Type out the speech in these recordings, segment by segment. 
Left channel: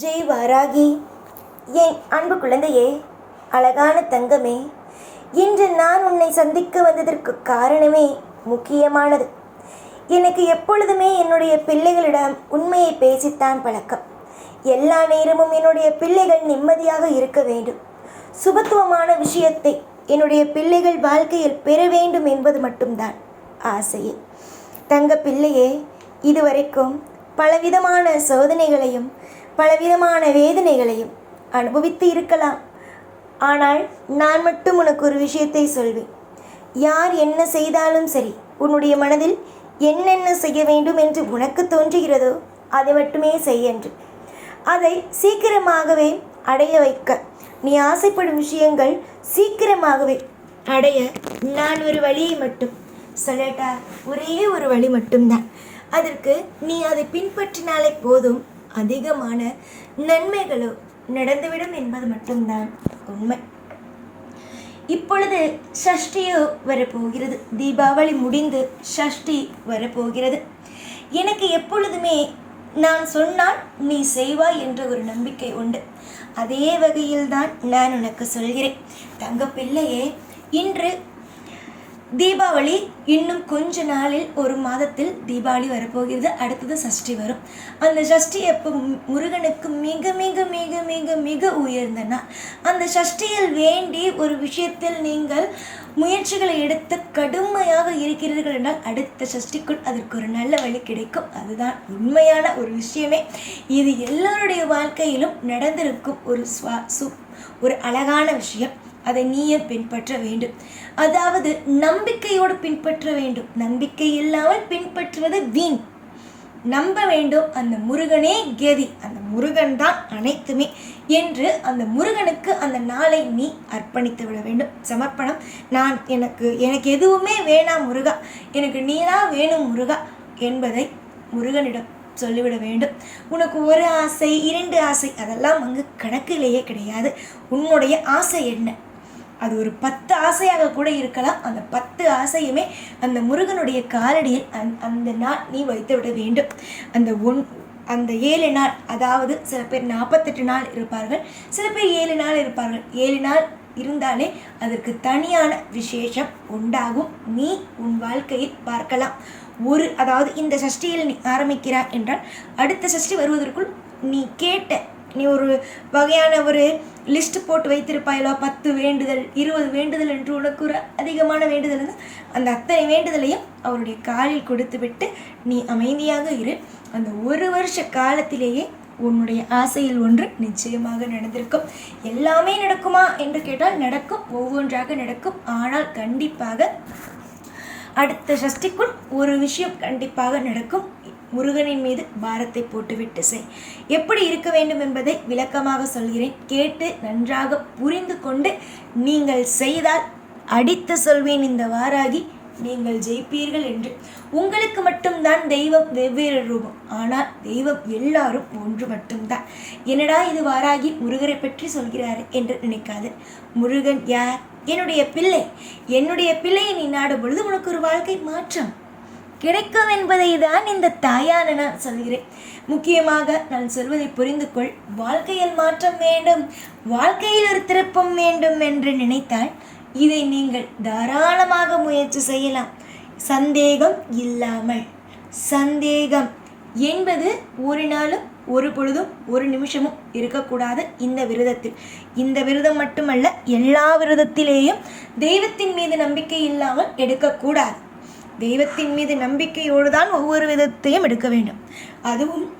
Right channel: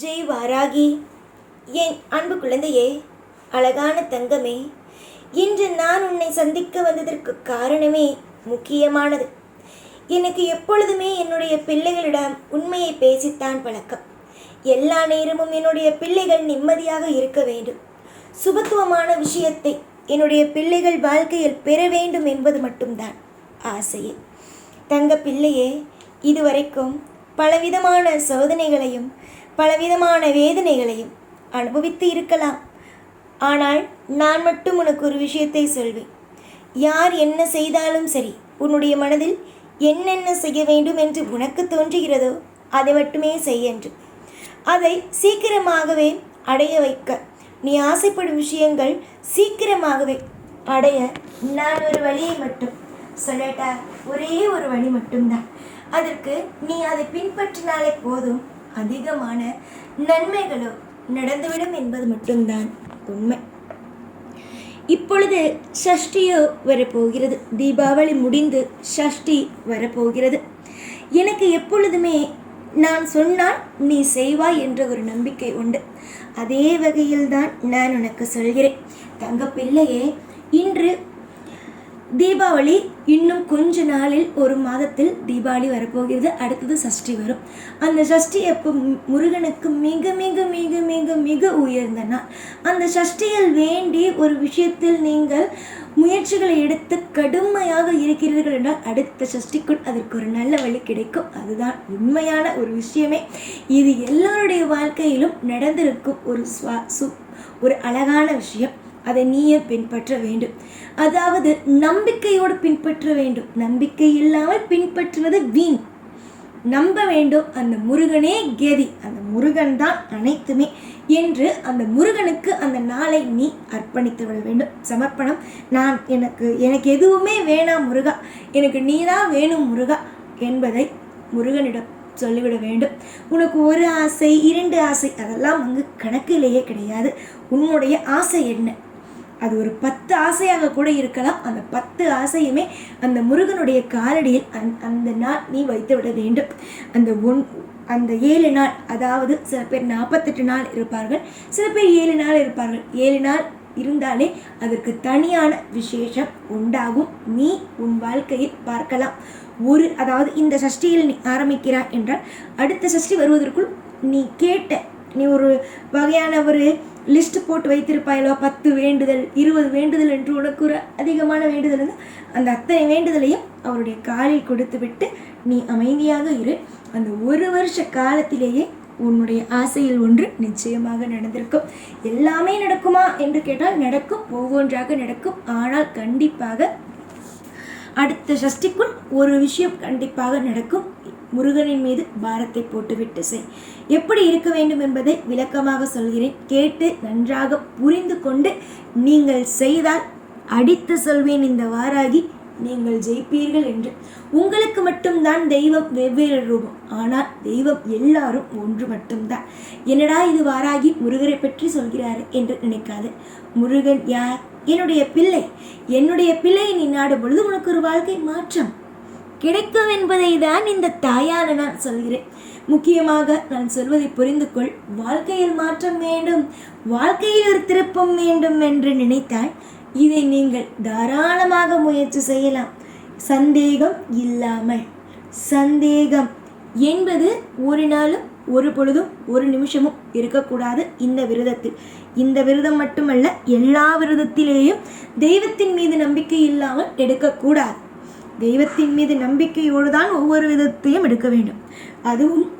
ஜெய் வாராகி என் அன்பு குழந்தையே அழகான தங்கமே இன்று நான் உன்னை சந்திக்க வந்ததற்கு காரணமே முக்கியமானது. எனக்கு எப்பொழுதுமே என்னுடைய பிள்ளைகளிடம் உண்மையை பேசித்தான் பழக்கம். எல்லா நேரமும் என்னுடைய பிள்ளைகள் நிம்மதியாக இருக்க வேண்டும். சுபத்துவமான விஷயத்தை என்னுடைய பிள்ளைகள் வாழ்க்கையில் பெற வேண்டும் என்பது மட்டும்தான் ஆசையே. தங்க பிள்ளையே இதுவரைக்கும் பலவிதமான சோதனைகளையும் பலவிதமான வேதனைகளையும் அனுபவித்து இருக்கலாம். ஆனால் நான் மட்டும் உனக்கு ஒரு விஷயத்தை சொல்வேன். யார் என்ன செய்தாலும் சரி உன்னுடைய மனதில் என்னென்ன செய்ய வேண்டும் என்று உனக்கு தோன்றுகிறதோ அதை மட்டுமே செய் என்று. அதை சீக்கிரமாகவே அடைய வைக்க. நீ ஆசைப்படும் விஷயங்கள் சீக்கிரமாகவே அடைய. நான் ஒரு வழியை மட்டும் சொல்லட்டா? ஒரே ஒரு வழி மட்டும்தான். அதற்கு நீ அதை பின்பற்றினாலே போதும். அதிகமான நன்மைகளோ நடந்துவிடும் என்பது மட்டும்தான் உண்மை. இப்பொழுது சஷ்டியோ வரப்போகிறது. தீபாவளி முடிந்து சஷ்டி வரப்போகிறது. எனக்கு எப்பொழுதுமே நான் சொன்னால் நீ செய்வாய் என்ற ஒரு நம்பிக்கை உண்டு. அதே வகையில்தான் நான் உனக்கு சொல்கிறேன். தங்க பிள்ளையே இன்று தீபாவளி இன்னும் கொஞ்ச நாளில் ஒரு மாதத்தில் தீபாவளி வரப்போகிறது. அடுத்தது சஷ்டி வரும். அந்த சஷ்டி எப்போ முருகனுக்கு மிக மிக மிக மிக மிக உயர்ந்த நாள். அந்த சஷ்டியில் வேண்டி ஒரு விஷயத்தில் நீங்கள் முயற்சிகளை எடுத்து கடுமையாக இருக்கிறீர்கள் என்றால் அடுத்த சஷ்டிக்குள் அதற்கு ஒரு நல்ல வழி கிடைக்கும். அதுதான் உண்மையான ஒரு விஷயமே. இது எல்லோருடைய வாழ்க்கையிலும் நடந்திருக்கும் ஒரு சுவா சு ஒரு அழகான விஷயம். அதை நீயே பின்பற்ற வேண்டும். அதாவது நம்பிக்கையோடு பின்பற்ற வேண்டும். நம்பிக்கை இல்லாமல் பின்பற்றுவது வீண். நம்ப வேண்டும் அந்த முருகனே கதி. அந்த முருகன் தான் அனைத்துமே என்று அந்த முருகனுக்கு அந்த நாளை நீ அர்ப்பணித்து விட வேண்டும். சமர்ப்பணம். நான் எனக்கு எனக்கு எதுவுமே வேணாம் முருகா. எனக்கு நீனா வேணும் முருகா என்பதை முருகனிடம் சொல்லிவிட வேண்டும். உனக்கு ஒரு ஆசை இரண்டு ஆசை அதெல்லாம் அங்கு கணக்கிலேயே கிடையாது. உன்னுடைய ஆசை என்ன? அது ஒரு பத்து ஆசையாக கூட இருக்கலாம். அந்த பத்து ஆசையுமே அந்த முருகனுடைய காலடியில் அந் அந்த நாள் நீ வைத்து விட வேண்டும். அந்த ஒன் அந்த ஏழு நாள் அதாவது சில பேர் நாற்பத்தெட்டு நாள் இருப்பார்கள். சில பேர் ஏழு நாள் இருப்பார்கள். ஏழு நாள் இருந்தாலே அதற்கு தனியான விசேஷம் உண்டாகும். நீ உன் வாழ்க்கையில் பார்க்கலாம். ஒரு அதாவது இந்த சஷ்டியில் நீ ஆரம்பிக்கிறாய் என்றால் அடுத்த சஷ்டி வருவதற்குள் நீ கேட்ட நீ ஒரு வகையான ஒரு லிஸ்ட் போட்டு வைத்திருப்பாயலோ பத்து வேண்டுதல் இருபது வேண்டுதல் என்று உனக்கு ஒரு அதிகமான வேண்டுதல் இருந்தால் அந்த அத்தனை வேண்டுதலையும் அவருடைய காலில் கொடுத்து விட்டு நீ அமைதியாக இரு. அந்த ஒரு வருஷ காலத்திலேயே உன்னுடைய ஆசையில் ஒன்று நிச்சயமாக நடந்திருக்கும். எல்லாமே நடக்குமா என்று கேட்டால் நடக்கும் ஒவ்வொன்றாக நடக்கும். ஆனால் கண்டிப்பாக அடுத்த சஷ்டிக்குள் ஒரு விஷயம் கண்டிப்பாக நடக்கும். முருகனின் மீது பாரத்தை போட்டுவிட்டு செய். எப்படி இருக்க வேண்டும் என்பதை விளக்கமாக சொல்கிறேன். கேட்டு நன்றாக புரிந்து கொண்டு நீங்கள் செய்தால் அடித்து சொல்வேன் இந்த வாராகி நீங்கள் ஜெயிப்பீர்கள் என்று. உங்களுக்கு மட்டும்தான் தெய்வம் வெவ்வேறு ரூபம். ஆனால் தெய்வம் எல்லாரும் ஒன்று மட்டும்தான். என்னடா இது வாராகி முருகரை பற்றி சொல்கிறாரு என்று நினைக்காது. முருகன் யார்? என்னுடைய பிள்ளை. என்னுடைய பிள்ளையை நீ நாடும் பொழுது உனக்கு ஒரு வாழ்க்கை மாற்றம். கிடைக்கும் என்பதை தான் இந்த தாயான நான் சொல்கிறேன். முக்கியமாக நான் சொல்வதை புரிந்து கொள் வாழ்க்கையில் மாற்றம் வேண்டும். வாழ்க்கையில் ஒரு திருப்பம் வேண்டும் என்று நினைத்தால் இதை நீங்கள் தாராளமாக முயற்சி செய்யலாம். சந்தேகம் இல்லாமல். சந்தேகம் என்பது ஒரு நாளும் ஒரு பொழுதும் ஒரு நிமிஷமும் இருக்கக்கூடாது இந்த விரதத்தில். இந்த விரதம் மட்டுமல்ல எல்லா விரதத்திலேயும் தெய்வத்தின் மீது நம்பிக்கை இல்லாமல் எடுக்கக்கூடாது. தெய்வத்தின் மீது நம்பிக்கையோடு தான் ஒவ்வொரு விதத்தையும் எடுக்க வேண்டும். அதுவும்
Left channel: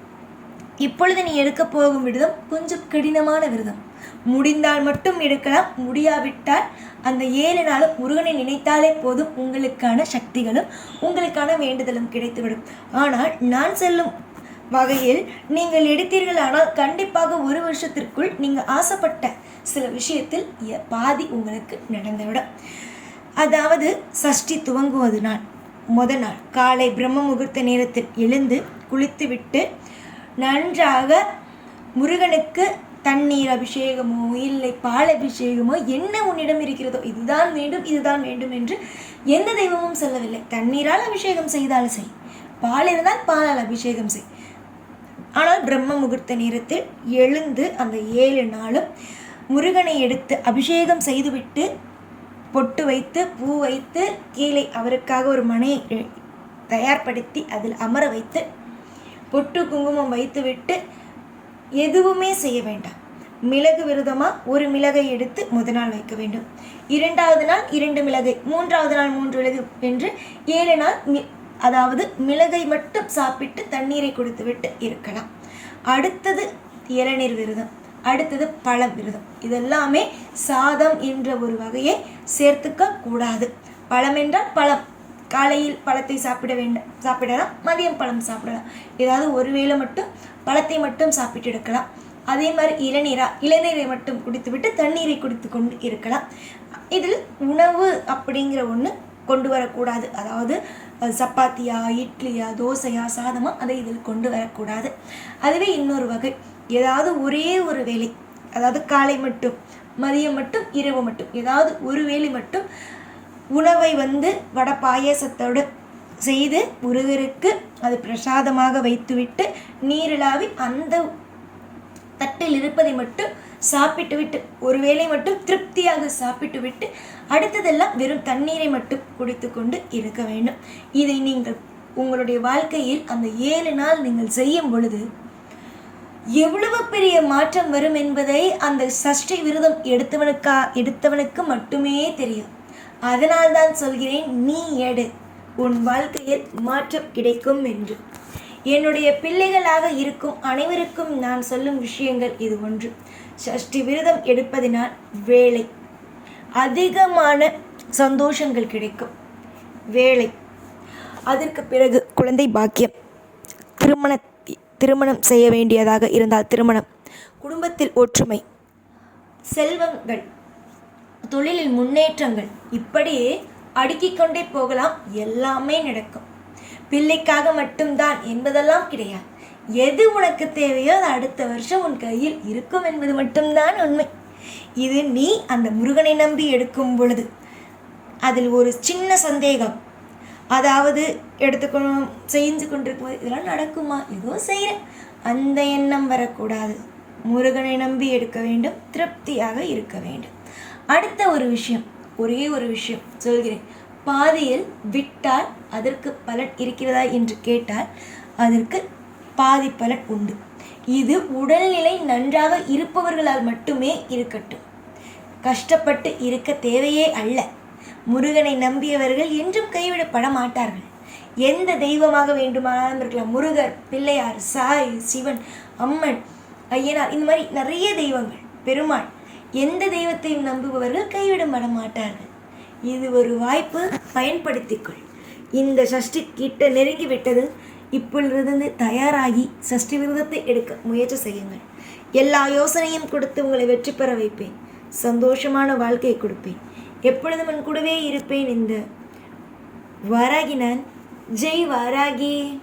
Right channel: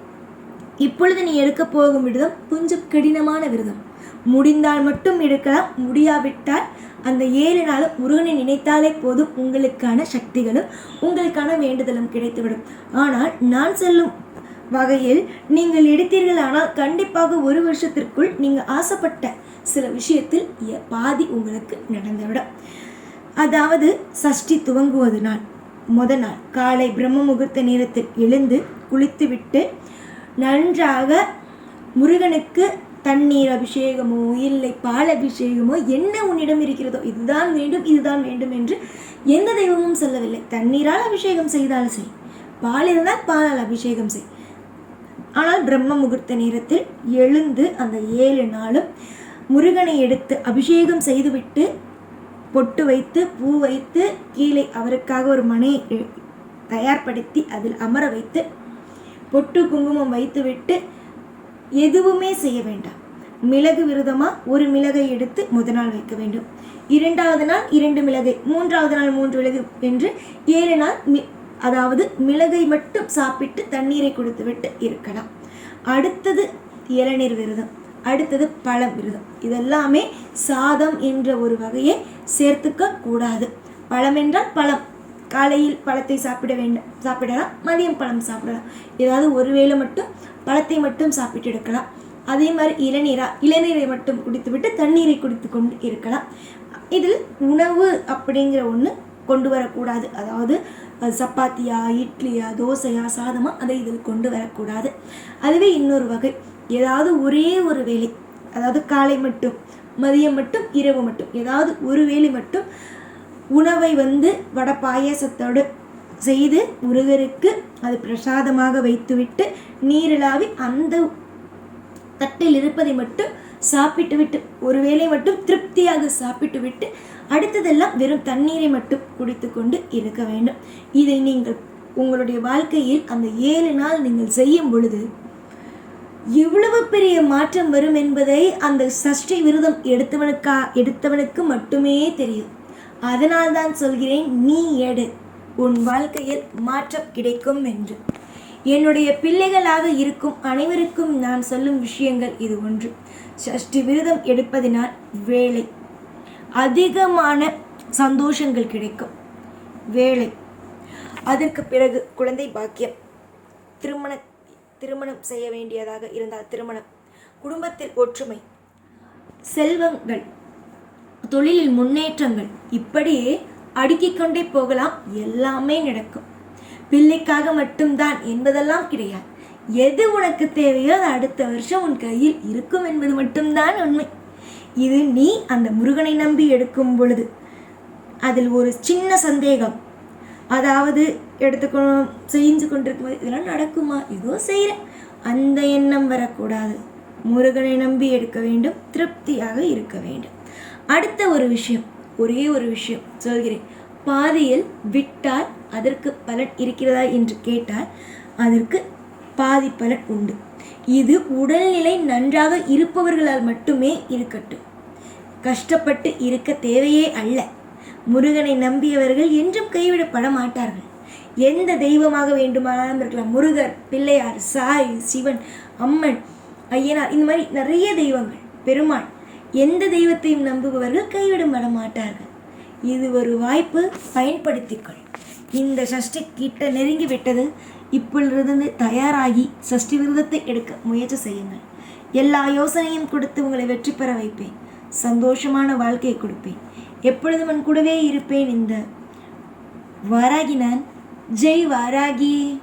இப்பொழுது நீ எடுக்க போகும் விரதம் கொஞ்சம் கடினமான விரதம். முடிந்தால் மட்டும் எடுக்கலாம் முடியாவிட்டால் அந்த ஏழு நாள் முருகனை நினைத்தாலே போதும். உங்களுக்கான சக்திகளும் உங்களுக்கான வேண்டுதலும் கிடைத்துவிடும். ஆனால் நான் செல்லும் வகையில் நீங்கள் எடுத்தீர்கள் ஆனால் கண்டிப்பாக ஒரு வருஷத்திற்குள் நீங்கள் ஆசைப்பட்ட சில விஷயத்தில் எ- பாதி உங்களுக்கு நடந்துவிடும். அதாவது சஷ்டி துவங்குவது நாள் முத நாள் காலை பிரம்ம முகூர்த்த நேரத்தில் எழுந்து குளித்துவிட்டு நன்றாக முருகனுக்கு தண்ணீர் அபிஷேகமோ இல்லை பால் அபிஷேகமோ என்ன உன்னிடம் இருக்கிறதோ இதுதான் வேண்டும் இதுதான் வேண்டும் என்று எந்த தெய்வமும் சொல்லவில்லை. தண்ணீரால் அபிஷேகம் செய்தால் செய் பால் இருந்தால் பாலால் அபிஷேகம் செய். ஆனால் பிரம்ம முகூர்த்த நேரத்தில் எழுந்து அந்த ஏழு நாளும் முருகனை எடுத்து அபிஷேகம் செய்துவிட்டு பொட்டு வைத்து பூ வைத்து கீழே அவருக்காக ஒரு மனையை தயார்படுத்தி அதில் அமர வைத்து பொட்டு குங்குமம் வைத்துவிட்டு எதுவுமே செய்ய வேண்டாம். மிளகு விரதமாக ஒரு மிளகை எடுத்து முதல் நாள் வைக்க வேண்டும். இரண்டாவது நாள் இரண்டு மிளகை மூன்றாவது நாள் மூன்று மிளகு என்று ஏழு நாள் மி- அதாவது மிளகை மட்டும் சாப்பிட்டு தண்ணீரை கொடுத்துவிட்டு இருக்கலாம். அடுத்தது இளநீர் விரதம். அடுத்தது பழம் விரதம் இதெல்லாமே சாதம் என்ற ஒரு வகையை சேர்த்துக்க கூடாது. பழம் என்றால் பழம். காலையில் பழத்தை சாப்பிட வேண்டும். சாப்பிடலாம். மதியம் பழம் சாப்பிடலாம். ஏதாவது ஒரு வேளை மட்டும் பழத்தை மட்டும் சாப்பிட்டு எடுக்கலாம். அதே மாதிரி இளநீரா இளநீரை மட்டும் குடித்துவிட்டு தண்ணீரை குடித்து கொண்டு இருக்கலாம். இதில் உணவு அப்படிங்கிற ஒன்று கொண்டு வரக்கூடாது. அதாவது சப்பாத்தியா இட்லியா தோசையா சாதமா அதை இதில் கொண்டு வரக்கூடாது. அதுவே இன்னொரு வகை. ஏதாவது ஒரே ஒரு வேலை அதாவது காலை மட்டும் மதியம் மட்டும் இரவு மட்டும் ஏதாவது ஒரு வேளை மட்டும் உணவை வந்து வடை பாயசத்தோடு செய்து முருகருக்கு அது பிரசாதமாக வைத்துவிட்டு நீரிலாவி அந்த தட்டில் இருப்பதை மட்டும் சாப்பிட்டு விட்டு ஒருவேளை மட்டும் திருப்தியாக சாப்பிட்டு விட்டு அடுத்ததெல்லாம் வெறும் தண்ணீரை மட்டும் குடித்து கொண்டு இருக்க வேண்டும். இதை நீங்கள் உங்களுடைய வாழ்க்கையில் அந்த ஏழு நாள் நீங்கள் செய்யும் பொழுது எவ்வளவு பெரிய மாற்றம் வரும் என்பதை அந்த சஷ்டி விரதம் எடுத்தவனுக்கா எடுத்தவனுக்கு மட்டுமே தெரியும். அதனால் தான் சொல்கிறேன் நீ எடு. உன் வாழ்க்கையில் மாற்றம் கிடைக்கும் என்று. என்னுடைய பிள்ளைகளாக இருக்கும் அனைவருக்கும் நான் சொல்லும் விஷயங்கள் இது ஒன்று. சஷ்டி விரதம் எடுப்பதினால் வேலை. அதிகமான சந்தோஷங்கள் கிடைக்கும். வேலை. அதற்கு பிறகு குழந்தை பாக்கியம். திருமண திருமணம் செய்ய வேண்டியதாக இருந்தால் திருமணம். குடும்பத்தில் ஒற்றுமை. செல்வங்கள். தொழிலில் முன்னேற்றங்கள். இப்படியே அடுக்கிக் கொண்டே போகலாம். எல்லாமே நடக்கும். பிள்ளைக்காக மட்டும்தான் என்பதெல்லாம் கிடையாது. எது உனக்கு தேவையோ அது அடுத்த வருஷம் உன் கையில் இருக்கும் என்பது மட்டும்தான் உண்மை. இது நீ அந்த முருகனை நம்பி எடுக்கும் பொழுது. அதில் ஒரு சின்ன சந்தேகம். அதாவது எடுத்துக்கணும் செஞ்சு கொண்டிருக்கும் இதெல்லாம் நடக்குமா? ஏதோ செய்கிறேன் அந்த எண்ணம் வரக்கூடாது. முருகனை நம்பி எடுக்க வேண்டும். திருப்தியாக இருக்க வேண்டும். அடுத்த ஒரு விஷயம் ஒரே ஒரு விஷயம் சொல்கிறேன். பாதியில் விட்டால் அதற்கு பலன் இருக்கிறதா என்று கேட்டால் அதற்கு பாதி பலன் உண்டு. இது உடல்நிலை நன்றாக இருப்பவர்களால் மட்டுமே இருக்கட்டும். கஷ்டப்பட்டு இருக்க தேவையே அல்ல. முருகனை நம்பியவர்கள் என்றும் கைவிடப்பட மாட்டார்கள் எந்த தெய்வமாக வேண்டுமானாலும் இருக்கலாம் முருகர் பிள்ளையார் சாய் சிவன் அம்மன் ஐயனார் இந்த மாதிரி நிறைய தெய்வங்கள். பெருமாள் எந்த தெய்வத்தையும் நம்புபவர்கள் கைவிடப்பட மாட்டார்கள் இது ஒரு வாய்ப்பு பயன்படுத்திக்கொள். இந்த சஷ்டி கிட்ட நெருங்கி விட்டது இப்பொழுதிருந்து தயாராகி சஷ்டி விரதத்தை எடுக்க முயற்சி செய்யுங்கள். எல்லா யோசனையும் கொடுத்து உங்களை வெற்றி பெற வைப்பேன். சந்தோஷமான வாழ்க்கையை கொடுப்பேன். எப்பொழுதும் என் கூடவே இருப்பேன் இந்த. வாராகி நான். ஜெய் வாராகி.